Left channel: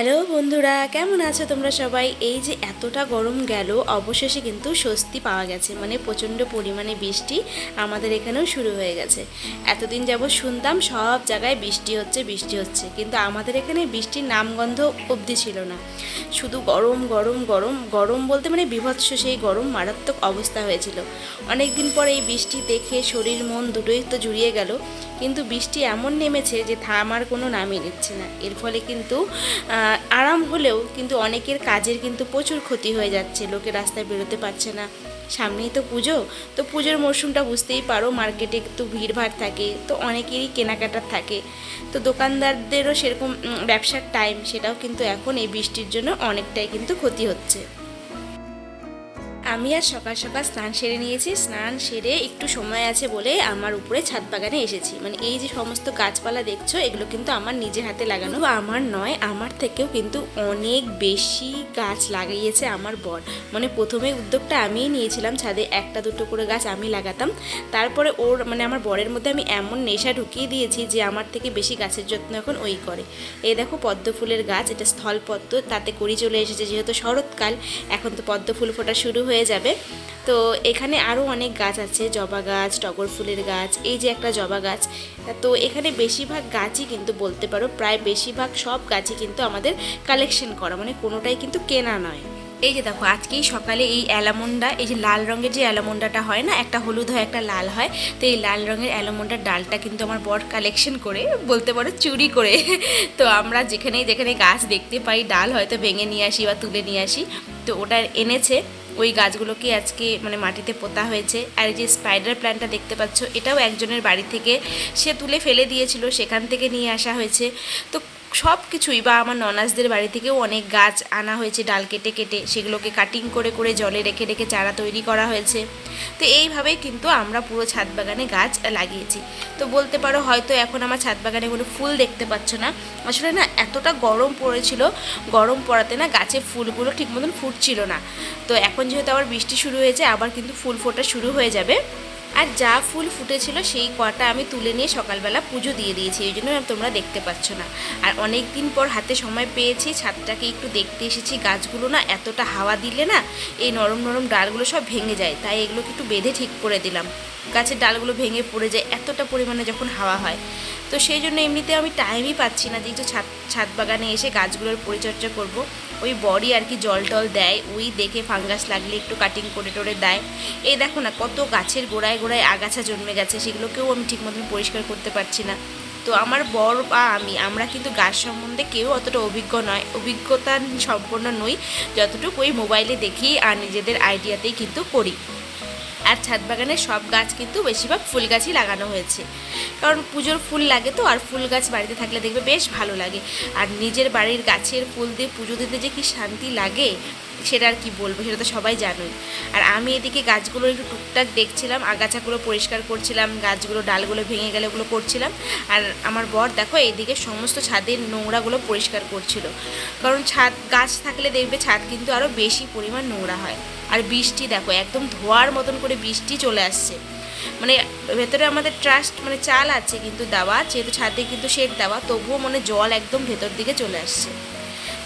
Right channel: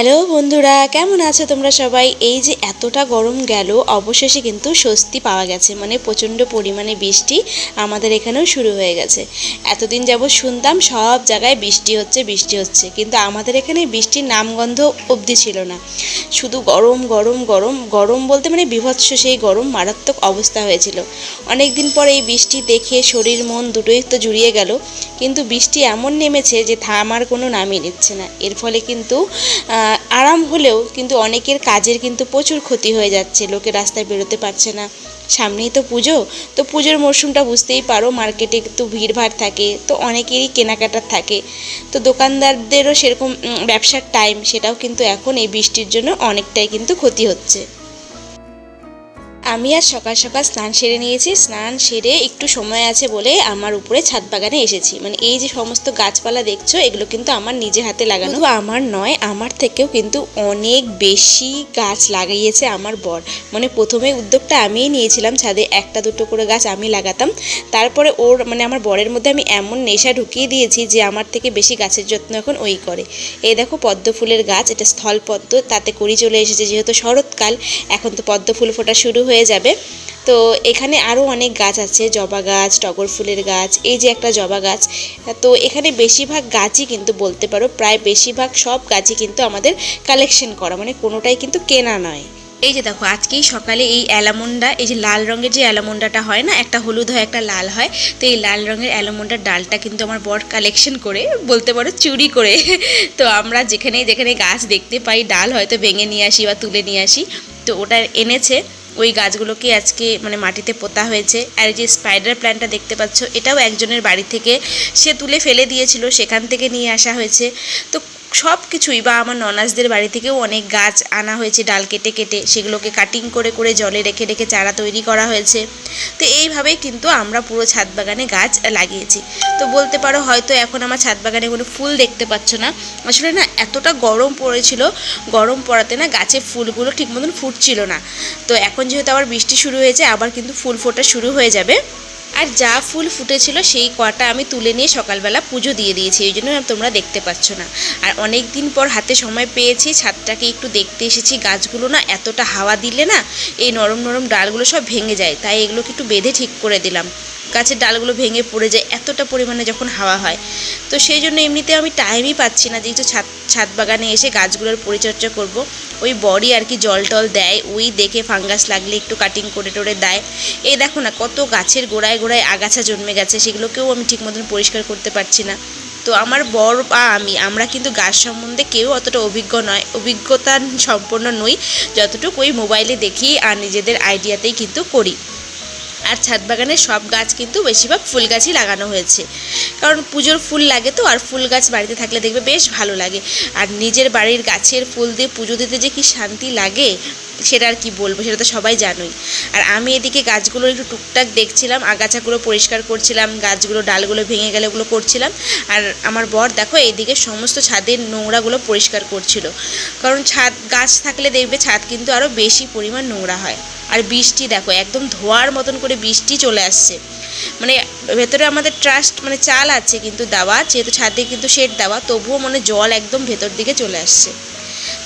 Hello বন্ধুরা, কেমন আছো তোমরা সবাই? এই যে এতটা গরম গেল, অবশেষে কিন্তু স্বস্তি পাওয়া গেছে। মানে প্রচণ্ড পরিমাণে বৃষ্টি আমাদের এখানেও শুরু হয়ে গেছে। এতদিন যাবৎ শুনতাম সব জায়গায় বৃষ্টি হচ্ছে বৃষ্টি হচ্ছে, কিন্তু আমাদের এখানে বৃষ্টির নামগন্ধ অবধি ছিল না। শুধু গরম গরম গরম গরম বলতে মানে বীভৎস সেই গরম, মারাত্মক অবস্থা হয়েছিল। অনেক দিন পর এই বৃষ্টি দেখে শরীর মন দুটোই তো জুড়িয়ে গেল। কিন্তু বৃষ্টি এমন নেমেছে যে থামার কোনো নামই নিচ্ছে না। এর ফলে কিন্তু আরাম হলেও কিন্তু অনেকের কাজের কিন্তু প্রচুর ক্ষতি হয়ে যাচ্ছে। লোকে রাস্তায় বেরোতে পারছে না। সামনেই তো পুজো, তো পুজোর মরশুমটা বুঝতেই পারো, মার্কেটে একটু ভিড়ভাড় থাকে, তো অনেকেরই কেনাকাটার থাকে। তো দোকানদারদেরও সেরকম ব্যবসার টাইম, সেটাও কিন্তু এখন এই বৃষ্টির জন্য অনেকটাই কিন্তু ক্ষতি হচ্ছে। আমি আর সকাল সকাল স্নান সেরে নিয়েছি। স্নান সেরে একটু সময় আছে বলে আমার উপরে ছাদ বাগানে এসেছি। মানে এই যে সমস্ত গাছপালা দেখছো, এগুলো কিন্তু আমার নিজের হাতে লাগানো। শুধু আমার নয়, আমার থেকেও কিন্তু অনেক বেশি গাছ লাগিয়েছে আমার বর। মানে প্রথমে উদ্যোগটা আমিই নিয়েছিলাম, ছাদে একটা দুটো করে গাছ আমি লাগাতাম। তারপরে ওর মানে আমার বরের মধ্যে আমি এমন নেশা ঢুকিয়ে দিয়েছি যে আমার থেকে বেশি গাছের যত্ন এখন ওই করে। এই দেখো পদ্ম ফুলের গাছ, এটা স্থল পদ্ম, তাতে কড়ি চলে এসেছে। যেহেতু শরৎকাল, এখন তো পদ্ম ফুল ফোটা শুরু হয়ে যাবে। তো এখানে আরও অনেক গাছ আছে, জবা গাছ, টগর ফুলের গাছ, এই যে একটা জবা গাছ। তো এখানে বেশিরভাগ গাছই কিন্তু বলতে পারো, প্রায় বেশিরভাগ সব গাছই কিন্তু আমাদের কালেকশন করা, মানে কোনোটাই কিন্তু কেনা নয়। এই যে দেখো, আজকেই সকালে এই অ্যালামন্ডা, এই যে লাল রঙের যে অ্যালামন্ডাটা হয় না, একটা হলুদ হয় একটা লাল হয়, তো এই লাল রঙের অ্যালামন্ডার ডালটা কিন্তু আমার বর কালেকশন করে, বলতে পারো চুরি করে। তো আমরা যেখানে যেখানে গাছ দেখতে পাই ডাল হয়তো ভেঙে নিয়ে আসি বা তুলে নিয়ে আসি, তো ওটা এনেছে। ওই গাছগুলোকে আজকে মানে মাটিতে পোতা হয়েছে। আর এই যে স্পাইডার প্ল্যান্টটা দেখতে পাচ্ছ, এটাও একজনের বাড়ি থেকে সে তুলে ফেলে দিয়েছিল, সেখান থেকে নিয়ে আসা হয়েছে। তো সব কিছুই, বা আমার ননাসদের বাড়ি থেকেও অনেক গাছ আনা হয়েছে, ডাল কেটে কেটে সেগুলোকে কাটিং করে করে জলে রেখে রেখে চারা তৈরি করা হয়েছে। তো এইভাবেই কিন্তু আমরা পুরো ছাদ বাগানে গাছ লাগিয়েছি। তো বলতে পারো হয়তো এখন আমার ছাদ বাগানে কোনো ফুল দেখতে পাচ্ছ না। আসলে না, এতটা গরম পড়েছিল, গরম পড়াতে না গাছের ফুলগুলো ঠিক মতন ফুটছিল না। তো এখন যেহেতু আবার বৃষ্টি শুরু হয়েছে, আবার কিন্তু ফুল ফোটা শুরু হয়ে যাবে। আর যা ফুল ফুটেছিল সেই কটা আমি তুলে নিয়ে সকালবেলা পুজো দিয়ে দিয়েছি, এই জন্য তোমরা দেখতে পাচ্ছ না। আর অনেক দিন পর হাতে সময় পেয়েছি, ছাদটাকে একটু দেখতে এসেছি। গাছগুলো না এতটা হাওয়া দিলে না এই নরম নরম ডালগুলো সব ভেঙে যায়, তাই এগুলোকে একটু বেঁধে ঠিক করে দিলাম। গাছের ডালগুলো ভেঙে পড়ে যায় এতটা পরিমাণে যখন হাওয়া হয়। তো সেই জন্য এমনিতে আমি টাইমই পাচ্ছি না যে একটু ছাদ বাগানে এসে গাছগুলোর পরিচর্যা করব। ওই বড়ি আর কি জল টল দেয়, ওই দেখে ফাঙ্গাস লাগলে একটু কাটিং করে টোরে দেয়। এই দেখো না, কত গাছের গোড়ায় গোড়ায় আগাছা জন্মে গেছে, সেগুলোকেও আমি ঠিক মতন পরিষ্কার করতে পারছি না। তো আমার বর বা আমরা কিন্তু গাছ সম্বন্ধে কেউ অতটা অভিজ্ঞতা সম্পন্ন নই, যতটুকু ওই মোবাইলে দেখি আর নিজেদের আইডিয়াতেই কিন্তু করি। আর ছাদ বাগানের সব গাছ কিন্তু বেশিরভাগ ফুল গাছই লাগানো হয়েছে, কারণ পুজোর ফুল লাগে তো, আর ফুল গাছ বাড়িতে থাকলে দেখবে বেশ ভালো লাগে। আর নিজের বাড়ির গাছের ফুল দিয়ে পুজো দিতে যে কি শান্তি লাগে, সেটা আর কি বলবো, সেটা তো সবাই জানোই। আর আমি এদিকে গাছগুলো একটু টুকটাক দেখছিলাম, আগাছাগুলো পরিষ্কার করছিলাম, গাছগুলো ডালগুলো ভেঙে গেলে ওগুলো করছিলাম। আর আমার বর দেখো এইদিকে সমস্ত ছাদের নোংরাগুলো পরিষ্কার করছিল, কারণ ছাদ গাছ থাকলে দেখবে ছাদ কিন্তু আরও বেশি পরিমাণ নোংরা হয়। আর বৃষ্টি দেখো, একদম ধোয়ার মতন করে বৃষ্টি চলে আসছে। মানে ভেতরে আমাদের ট্রাস্ট মানে চাল আছে কিন্তু দেওয়া, যেহেতু ছাদে কিন্তু শেড দেওয়া, তবুও মানে জল একদম ভেতর দিকে চলে আসছে।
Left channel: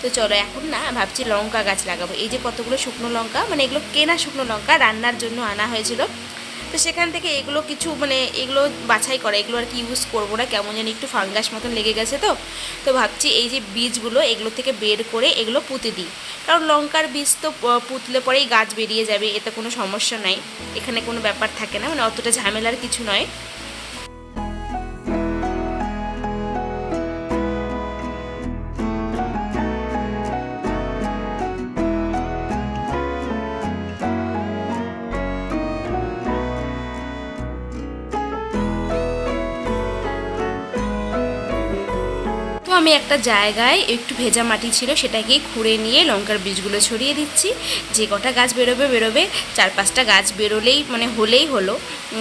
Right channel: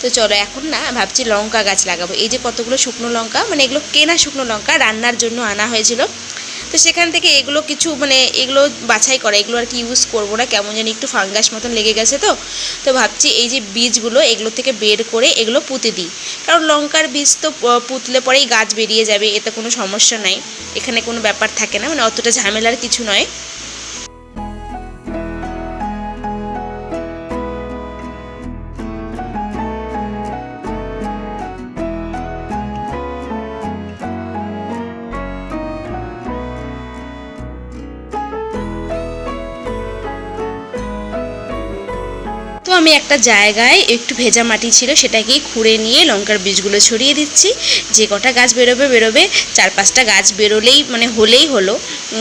তো চলো এখন না ভাবছি লঙ্কা গাছ লাগাবো। এই যে কতগুলো শুকনো লঙ্কা, মানে এগুলো কেনা শুকনো লঙ্কা, রান্নার জন্য আনা হয়েছিল। তো সেখান থেকে এগুলো কিছু মানে এগুলো বাছাই করা, এগুলো আর কি ইউজ করবো না, কেমন যেন একটু ফাঙ্গাস মতন লেগে গেছে। তো ভাবছি এই যে বীজগুলো, এগুলো থেকে বের করে এগুলো পুঁতে দিই, কারণ লঙ্কার বীজ তো পুঁতলে পরেই গাছ বেরিয়ে যাবে, এতে কোনো সমস্যা নাই, এখানে কোনো ব্যাপার থাকে না, মানে অতটা ঝামেলার কিছু নয়। তো আমি একটা জায়গায় একটু ভেজা মাটি ছিল, সেটাকেই খুঁড়ে নিয়ে লঙ্কার বীজগুলো ছড়িয়ে দিচ্ছি। যে কটা গাছ বেরোবে, 4-5টা গাছ বেরোলেই মানে হলেই হলো।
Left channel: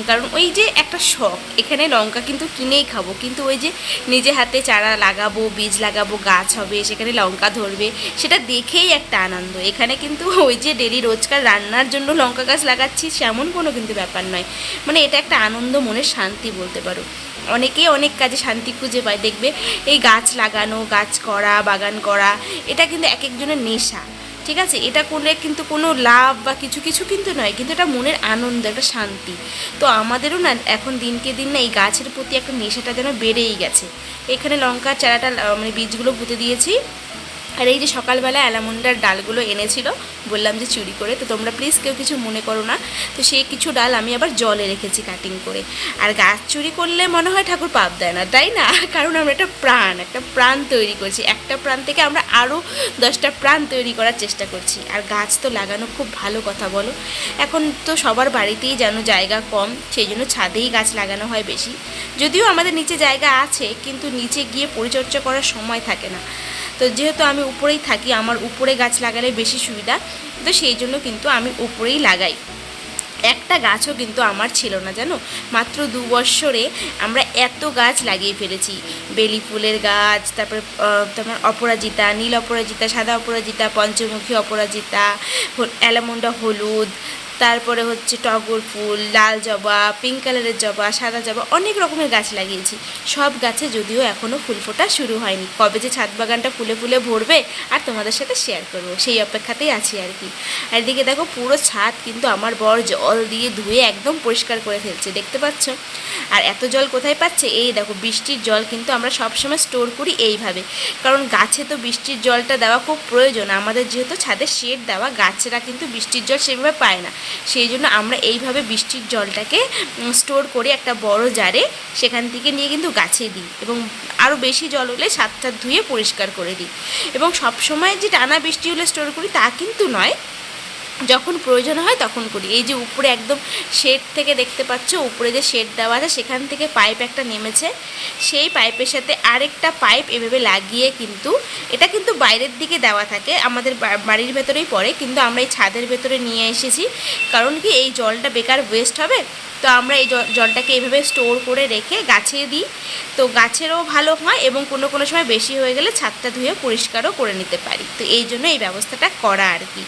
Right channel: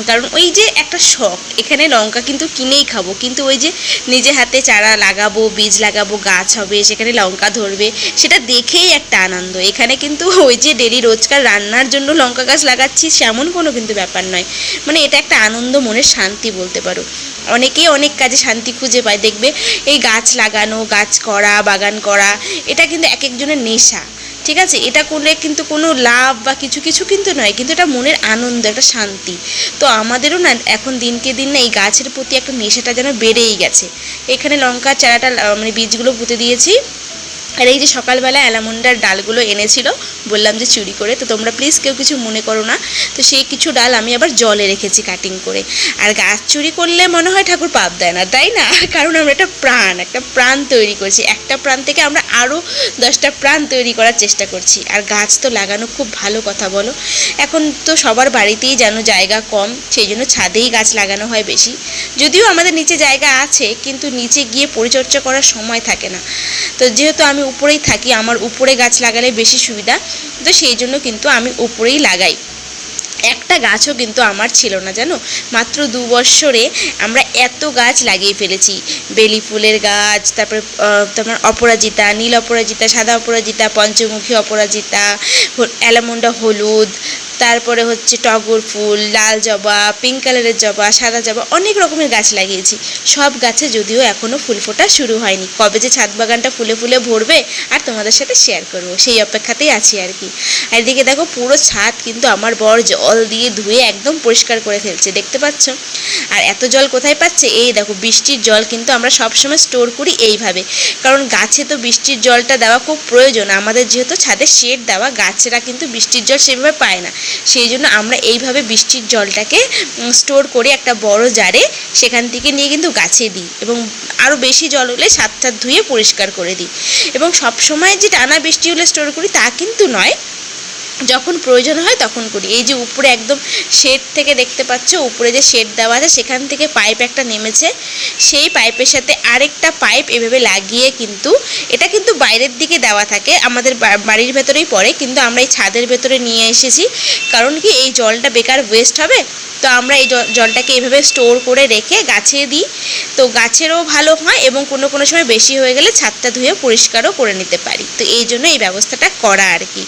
কারণ ওই যে একটা শখ, এখানে লঙ্কা কিন্তু কিনেই খাবো, কিন্তু ওই যে নিজে হাতে চারা লাগাবো, বীজ লাগাবো, গাছ হবে, সেখানে লঙ্কা ধরবে, সেটা দেখেই একটা আনন্দ। এখানে কিন্তু ওই যে ডেলি রোজকার রান্নার জন্য লঙ্কা গাছ লাগাচ্ছি সেমন কোনো কিন্তু ব্যাপার নয়, মানে এটা একটা আনন্দ, মনের শান্তি বলতে পারো। অনেকেই অনেক কাজে শান্তি খুঁজে পায়, দেখবে এই গাছ লাগানো, গাছ করা, বাগান করা, এটা কিন্তু এক একজনের নেশা, ঠিক আছে? এটা করলে কিন্তু কোনো লাভ বা কিছু কিছু কিন্তু নয়, কিন্তু এটা মনের আনন্দ, একটা শান্তি। তো আমাদেরও না এখন দিনকে দিন না এই গাছের প্রতি একটা নেশাটা যেন বেড়েই গেছে। এখানে লঙ্কার চারাটা মানে বীজগুলো পুঁতে দিয়েছি। আর এই যে সকালবেলা অ্যালামন্ডার ডালগুলো এনেছিল, বললাম যে চুরি করে, তো তোমরা প্লিজ কেউ কিছু মনে করো না। তো সেই কিছু ডাল আমি আবার জলে রেখেছি কাটিং করে। আর গাছ চুরি করলে মনে হয় ঠাকুর পাপ দেয় না, তাই না? কারণ আমরা একটা প্রাণ তৈরি করছি, একটা প্রাণ থেকে আমরা আরও 10টা প্রাণ তৈরি করার চেষ্টা করছি। আর গাছ তো লাগানো খুব ভালো কথা, বলো? এখন তো সবার বাড়িতেই যেন জায়গা কম, সেই জন্য ছাদেই গাছ লাগানো হয় বেশি। যদিও আমাদের নিচে জায়গা আছে, কিন্তু নিচে গিয়ে পরিচর্যা করার সময় থাকে না। তো যেহেতু আমি উপরেই থাকি, আমার উপরে গাছ লাগালে বেশি সুবিধা, তো সেই জন্য কিন্তু আমি উপরেই লাগাই। একটা গাছও কিন্তু আমার ছিল না, জানো? মাত্র 2 বৎসরে আমরা এত গাছ লাগিয়ে ফেলেছি। বেলি ফুলের গাছ, তারপর তোমার অপরাজিতা, নীল অপরাজিতা, সাদা অপরাজিতা, পঞ্চমুখী অপরাজিতা, অ্যালামন্ডা হলুদ, তারপরে হচ্ছে টগর ফুল, লাল জবা, পিঙ্ক কালারের জবা, সাদা জবা, অনেক রকমের গাছ লাগিয়েছি। সব গাছে যদিও এখনও ফুল ফোটা শুরু হয়নি, কবে যে ছাদ বাগানটা ফুলে ফুলে ভরবে আর তোমাদের সাথে শেয়ার করবো, সেই অপেক্ষাতেই আছি আর কি। আর এদিকে দেখো পুরো ছাদ কিন্তু আমার বর জল দিয়ে ধুয়ে একদম পরিষ্কার করে ফেলছে, দেখতে পাচ্ছ? আর এত জল কোথায় পাচ্ছে? এই দেখো বৃষ্টির জল কিন্তু আমরা সবসময় স্টোর করি এইভাবে, কারণ গাছে তো বৃষ্টির জলটা দেওয়া খুব প্রয়োজন। আমাদের যেহেতু ছাদে শেড দেওয়া, গাছেরা কিন্তু বৃষ্টির জল সেভাবে পায় না, সেই জন্য আমরা এইভাবে বৃষ্টির জলটাকে স্টোর করে একটা বড় জারে সেখান থেকে নিয়ে কিন্তু গাছে দিই, এবং আরও বেশি জল হলে ছাদ ধুয়ে পরিষ্কার করে দিই। এবং সব সময় যে টানা বৃষ্টি হলে স্টোর করি তা কিন্তু নয়, যখন প্রয়োজন হয় তখন করি। এই যে উপরে একদম শেড থেকে দেখতে পাচ্ছ, উপরে যে শেড দেওয়া আছে সেখান থেকে পাইপ একটা নেমেছে, সেই পাইপের সাথে আরেকটা পাইপ এভাবে লাগিয়ে, কিন্তু এটা কিন্তু বাইরের দিকে দেওয়া থাকে, আমাদের বাড়ির ভেতরেই পড়ে, কিন্তু আমরা এই ছাদের ভেতরে নিয়ে এসেছি। কারণ কি, এই জলটা বেকার ওয়েস্ট হবে, তো আমরা এই জলটাকে এভাবে স্টোর করে রেখে গাছে দিই, তো গাছেরও ভালো হয় এবং কোনো কোনো সময় বেশি হয়ে গেলে ছাদটা ধুয়ে পরিষ্কারও করে নিতে পারি। তো এই জন্য এই ব্যবস্থাটা করা আর কি।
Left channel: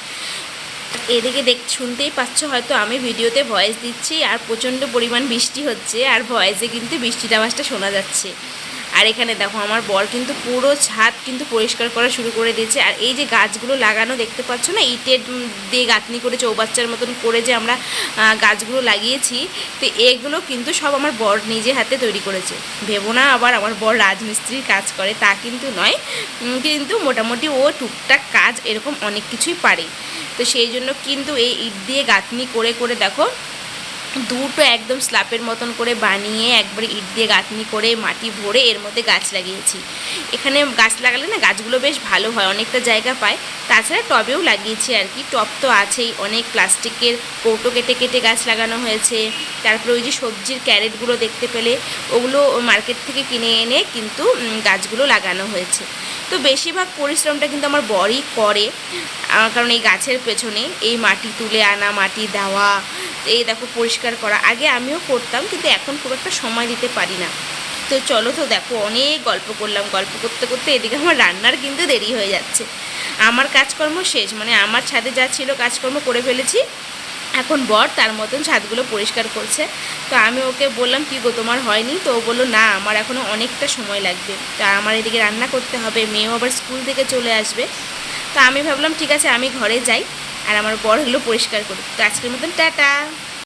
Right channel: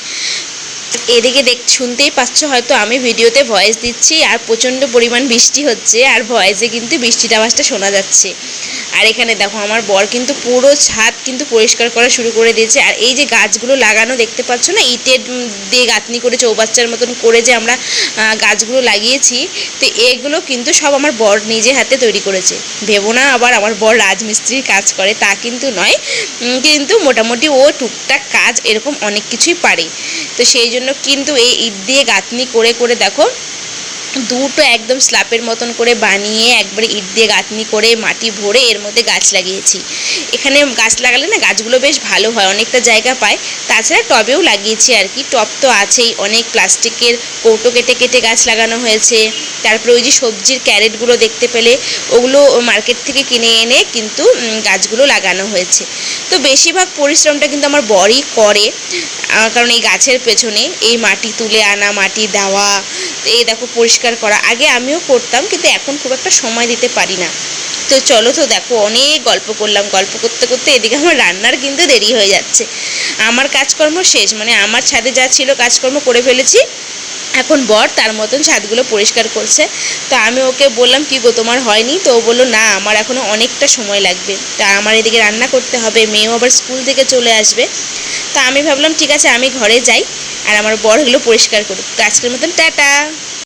এদিকে শুনতেই পাচ্ছ হয়তো আমি ভিডিওতে ভয়েস দিচ্ছি আর প্রচণ্ড পরিমাণ বৃষ্টি হচ্ছে, আর ভয়েসে কিন্তু বৃষ্টির আওয়াজটা শোনা যাচ্ছে। আর এখানে দেখো আমার বর কিন্তু পুরো ছাদ কিন্তু পরিষ্কার করা শুরু করে দিয়েছে। আর এই যে গাছগুলো লাগানো দেখতে পাচ্ছ না, ইটের দিয়ে গাঁথনি করে চৌবাচ্চার মতন করে যে আমরা গাছগুলো লাগিয়েছি, তো এগুলো কিন্তু সব আমার বর নিজে হাতে তৈরি করেছে। ভেবো না আবার আমার বর রাজমিস্ত্রির কাজ করে, তা কিন্তু নয়, কিন্তু মোটামুটি ও টুকটাক কাজ এরকম অনেক কিছুই পারে। তো সেই জন্য কিন্তু এই ইট দিয়ে গাঁথনি করে করে দেখো দুটো একদম স্ল্যাপের মতন করে বানিয়ে একবারে ইট দিয়ে গাঁথনি করে মাটি ভরে এর মধ্যে গাছ লাগিয়েছি। এখানে গাছ লাগালে না গাছগুলো বেশ ভালো হয়, অনেকটা জায়গা পায়। তাছাড়া টবেও লাগিয়েছি আর কি, টব তো আছেই, অনেক প্লাস্টিকের কৌটো কেটে কেটে গাছ লাগানো হয়েছে। তারপরে ওই যে সবজির ক্যারেটগুলো দেখতে পেলে, ওগুলো মার্কেট থেকে কিনে এনে কিন্তু গাছগুলো লাগানো হয়েছে। তো বেশিরভাগ পরিশ্রমটা কিন্তু আমার বরই করে, কারণ এই গাছের পেছনে এই মাটি তুলে আনা, মাটি দেওয়া, এই দেখো পরিষ্কার করা। আগে আমিও করতাম, কিন্তু এখন খুব একটা সময় দিতে পারি না। তো চলো, তো দেখো অনেক গল্প করলাম, গল্প করতে করতে এদিকে আমার রান্নার কিন্তু দেরি হয়ে যাচ্ছে। আমার কাজকর্ম শেষ, মানে আমার ছাদে যা ছিল কাজকর্ম করে ফেলেছি, এখন বর তার মতন ছাদগুলো পরিষ্কার করছে। তো আমি ওকে বললাম, কী গো তোমার হয়নি? তো ও বললো, না আমার এখনও অনেকটা সময় লাগবে, তা আমার এদিকে রান্না করতে হবে, মেয়েও আবার স্কুল থেকে চলে আসবে। তো আমি ভাবলাম ঠিক আছে আমি ঘরে যাই, আর আমার বর এগুলো পরিষ্কার করুক। তো আজকের মতন টাটা।